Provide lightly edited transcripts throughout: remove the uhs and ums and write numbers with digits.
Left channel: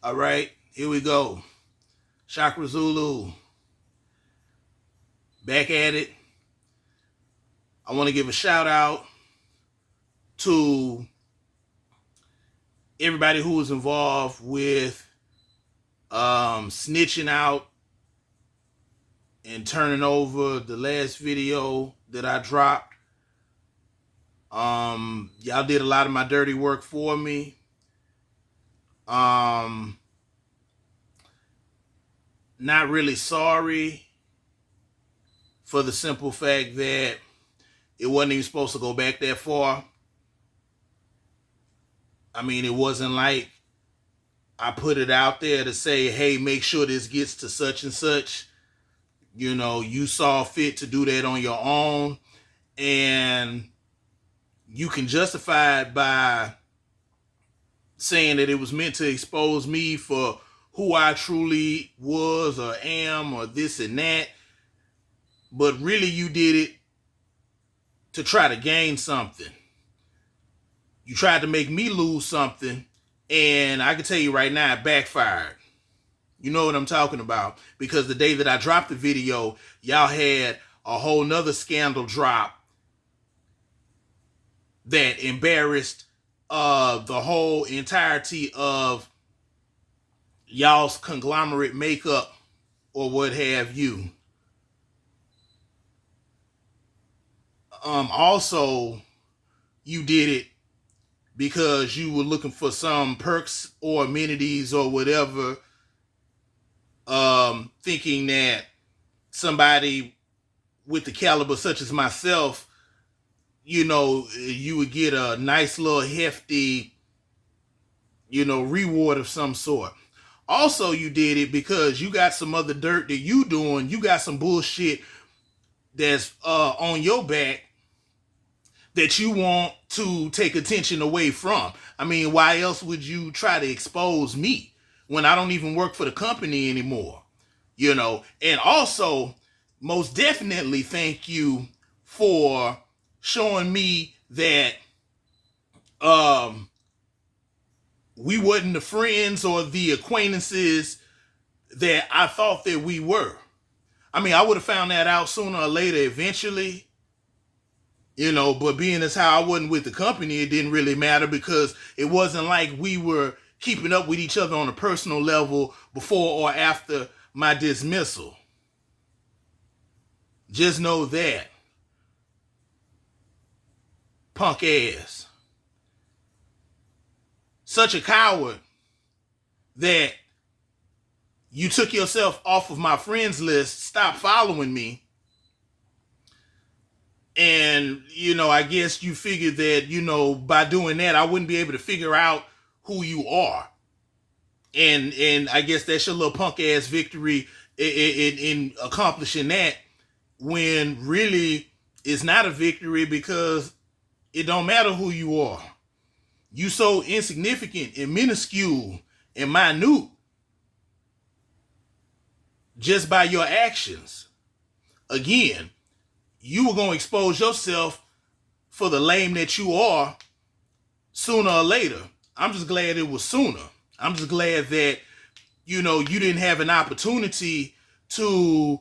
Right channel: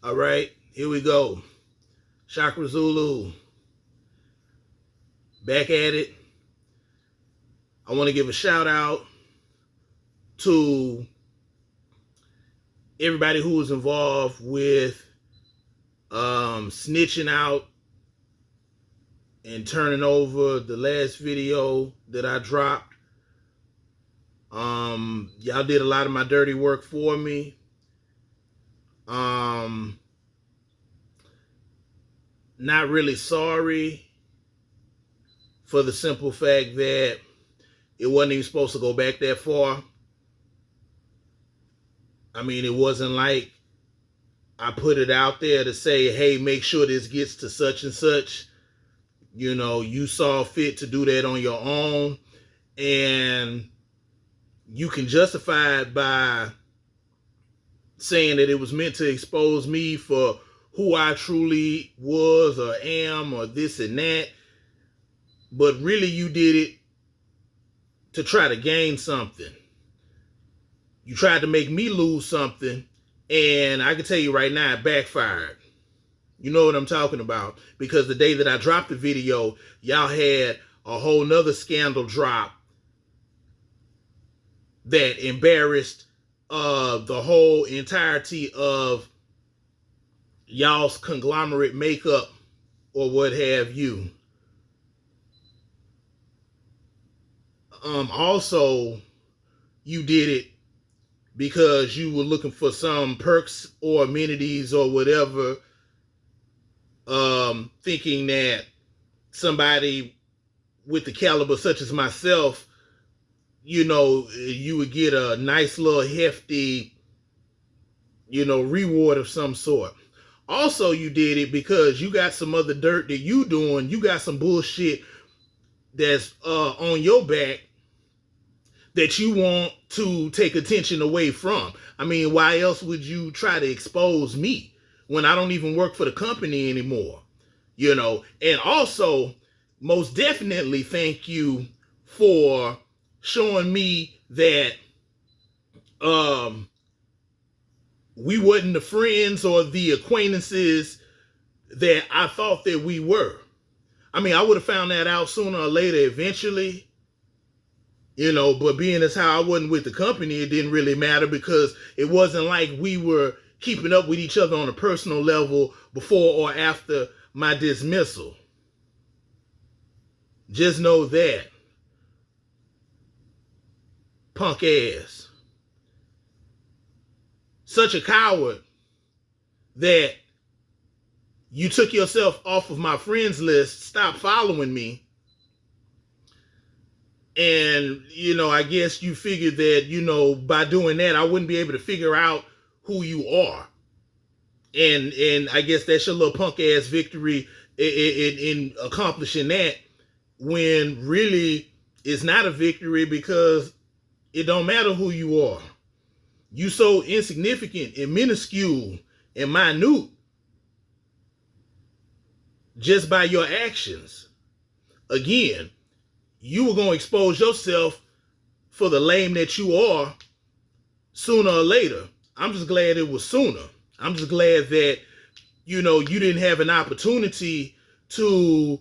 All right, here we go. Chakra Zulu, back at it. I want to give a shout out to everybody who was involved with snitching out and turning over the last video that I dropped. Y'all did a lot of my dirty work for me. Not really sorry for the simple fact that it wasn't even supposed to go back that far. I mean, it wasn't like I put it out there to say, hey, make sure this gets to such and such. You know, you saw fit to do that on your own. And you can justify it by saying that it was meant to expose me for who I truly was or am or this and that. But really you did it to try to gain something. You tried to make me lose something, and I can tell you right now, it backfired. You know what I'm talking about. Because the day that I dropped the video, y'all had a whole nother scandal drop that embarrassed the whole entirety of y'all's conglomerate makeup or what have you. Also, you did it because you were looking for some perks or amenities or whatever, thinking that somebody with the caliber such as myself, you know, you would get a nice little hefty, you know, reward of some sort. Also, you did it because you got some other dirt that you doing. You got some bullshit that's on your back that you want to take attention away from. I mean, why else would you try to expose me when I don't even work for the company anymore? You know, and also, most definitely thank you for showing me that we wasn't the friends or the acquaintances that I thought that we were. I mean, I would have found that out sooner or later eventually, you know, but being as how I wasn't with the company, it didn't really matter because it wasn't like we were keeping up with each other on a personal level before or after my dismissal. Just know that. Punk ass. Such a coward that you took yourself off of my friends list, stopped following me. And, you know, I guess you figured that, you know, by doing that, I wouldn't be able to figure out who you are. And I guess that's your little punk ass victory in accomplishing that, when really it's not a victory because it don't matter who you are. You so insignificant and minuscule and minute just by your actions. Again, you were going to expose yourself for the lame that you are sooner or later. I'm just glad it was sooner. I'm just glad that, you know, you didn't have an opportunity to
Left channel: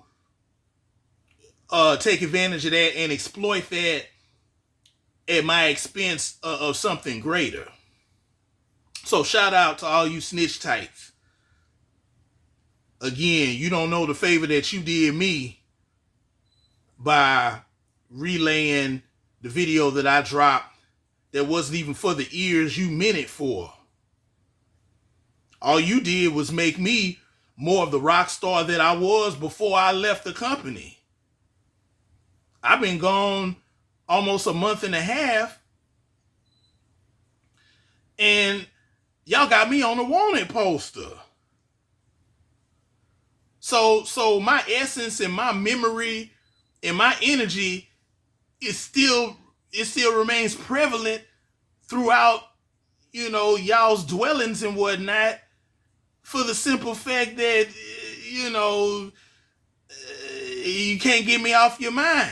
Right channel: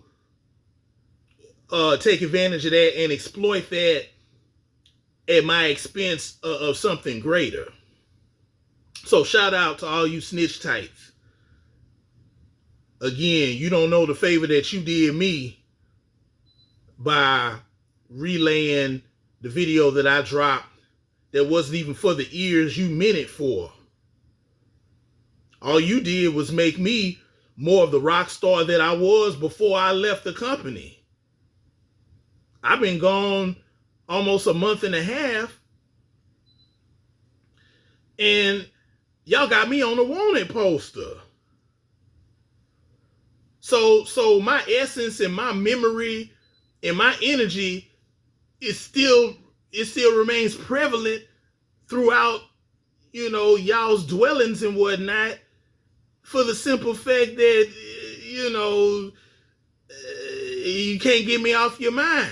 take advantage of that and exploit that at my expense of something greater. So shout out to all you snitch types. Again, you don't know the favor that you did me by relaying the video that I dropped that wasn't even for the ears you meant it for. All you did was make me more of the rock star that I was before I left the company. I've been gone almost a month and a half, and y'all got me on a wanted poster. So my essence and my memory and my energy it still remains prevalent throughout, you know, y'all's dwellings and whatnot, for the simple fact that, you know, you can't get me off your mind.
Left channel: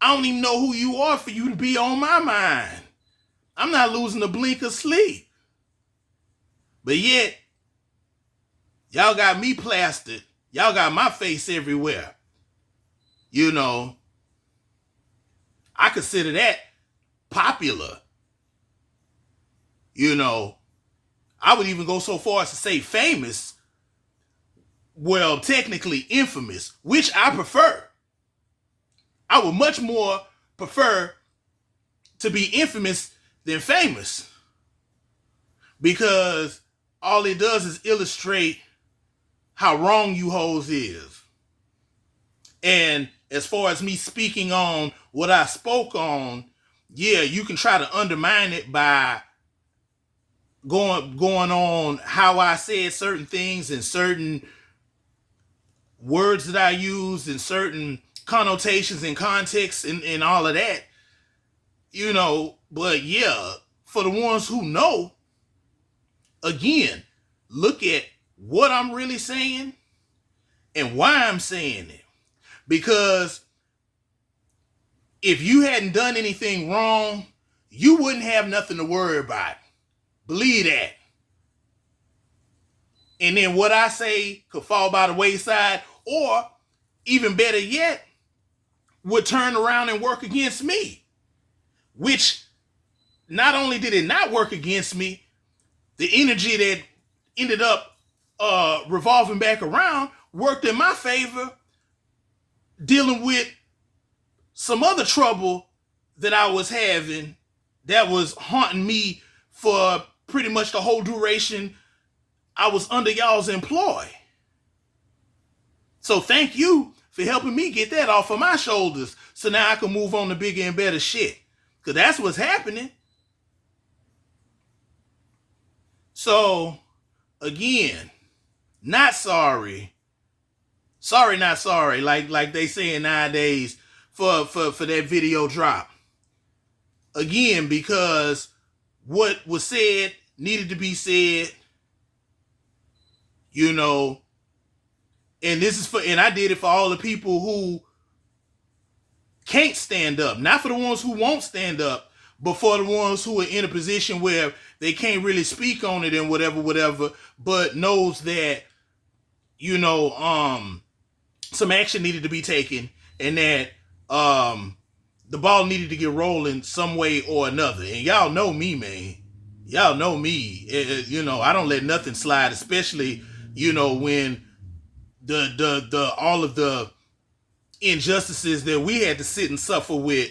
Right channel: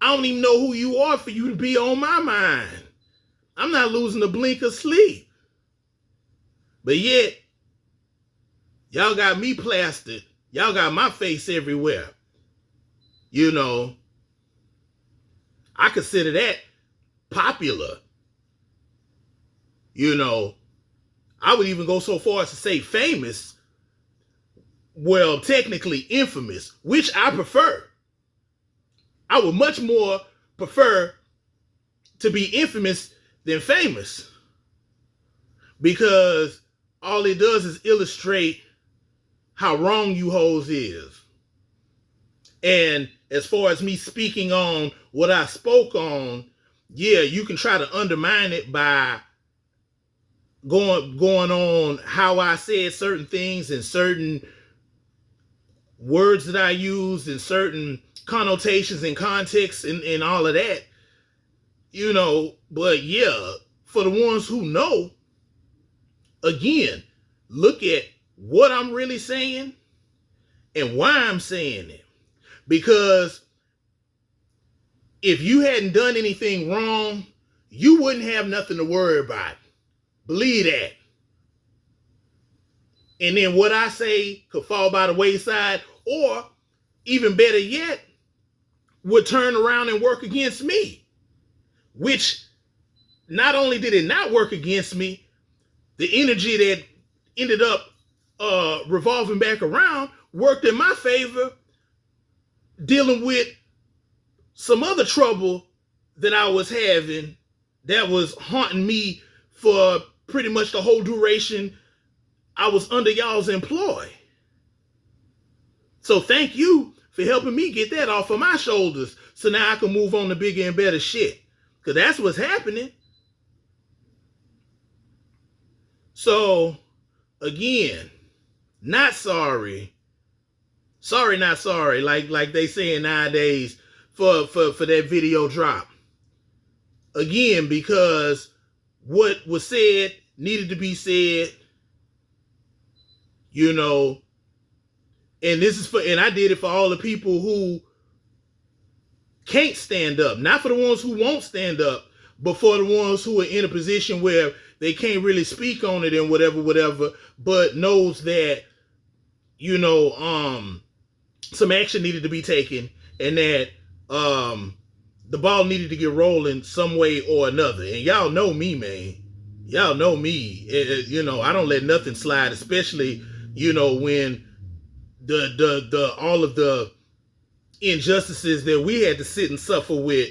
I don't even know who you are for you to be on my mind. I'm not losing a blink of sleep. But yet, Y'all got me plastered. Y'all got my face everywhere. You know, I consider that popular. You know, I would even go so far as to say famous. Well, technically infamous, which I prefer. I would much more prefer to be infamous than famous, because all it does is illustrate how wrong you hoes is. And as far as me speaking on what I spoke on, yeah, you can try to undermine it by going on how I said certain things and certain words that I used and certain connotations and contexts and all of that, you know. But yeah, for the ones who know, again, look at what I'm really saying and why I'm saying it. Because if you hadn't done anything wrong, you wouldn't have nothing to worry about. Believe that. And then what I say could fall by the wayside, or even better yet, would turn around and work against me. Which, not only did it not work against me, the energy that ended up revolving back around worked in my favor, dealing with some other trouble that I was having that was haunting me for pretty much the whole duration I was under y'all's employ. So thank you for helping me get that off of my shoulders, so now I can move on to bigger and better shit. Because that's what's happening. So, again, not sorry. Sorry, not sorry, like they saying nowadays for that video drop. Again, because what was said needed to be said, you know. And this is and I did it for all the people who can't stand up. Not for the ones who won't stand up, but for the ones who are in a position where they can't really speak on it and whatever, but knows that, you know, some action needed to be taken, and that the ball needed to get rolling some way or another. And y'all know me, man. Y'all know me. You know, I don't let nothing slide, especially, you know, when the all of the injustices that we had to sit and suffer with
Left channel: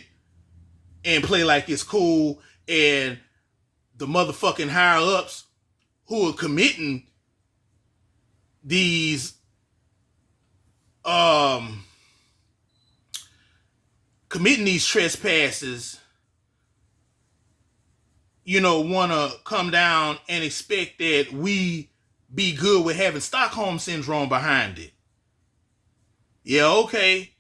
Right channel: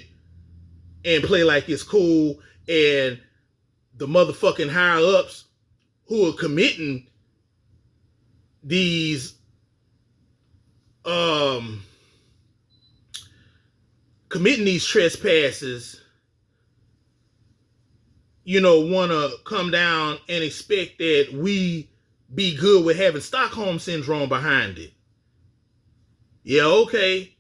and play like it's cool, and the motherfucking higher ups who are committing these trespasses, you know, want to come down and expect that we be good with having Stockholm Syndrome behind it. Yeah, okay.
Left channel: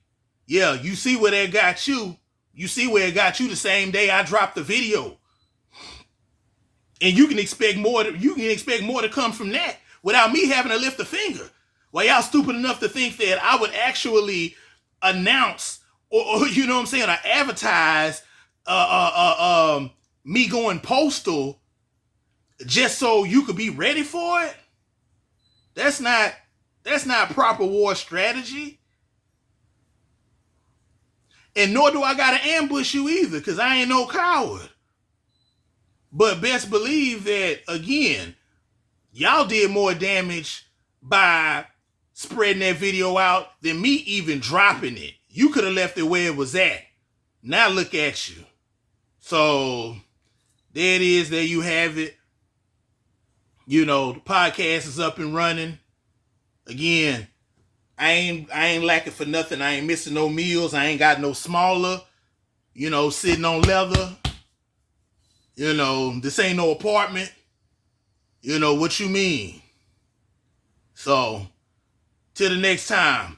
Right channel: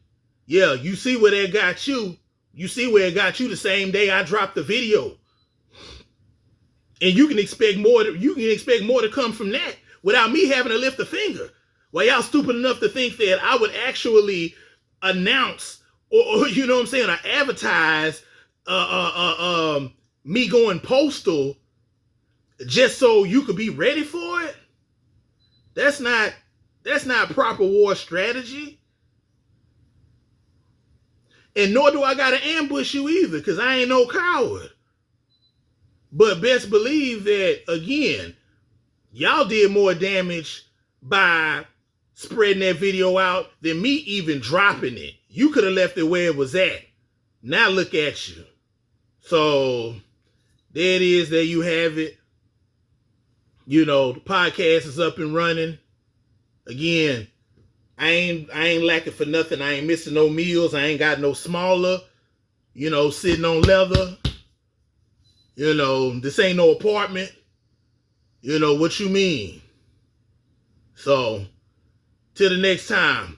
Yeah, you see where that got you. You see where it got you the same day I dropped the video. And you can expect more to come from that without me having to lift a finger. Well, y'all stupid enough to think that I would actually announce or you know what I'm saying, or advertise me going postal just so you could be ready for it? That's not proper war strategy. And nor do I gotta ambush you either, because I ain't no coward. But best believe that, again, y'all did more damage by spreading that video out than me even dropping it. You could have left it where it was at. Now look at you. So there it is. There you have it. You know, the podcast is up and running. Again, I ain't lacking for nothing. I ain't missing no meals. I ain't got no smaller, you know, sitting on leather. You know, this ain't no apartment. You know what you mean. So, till the next time.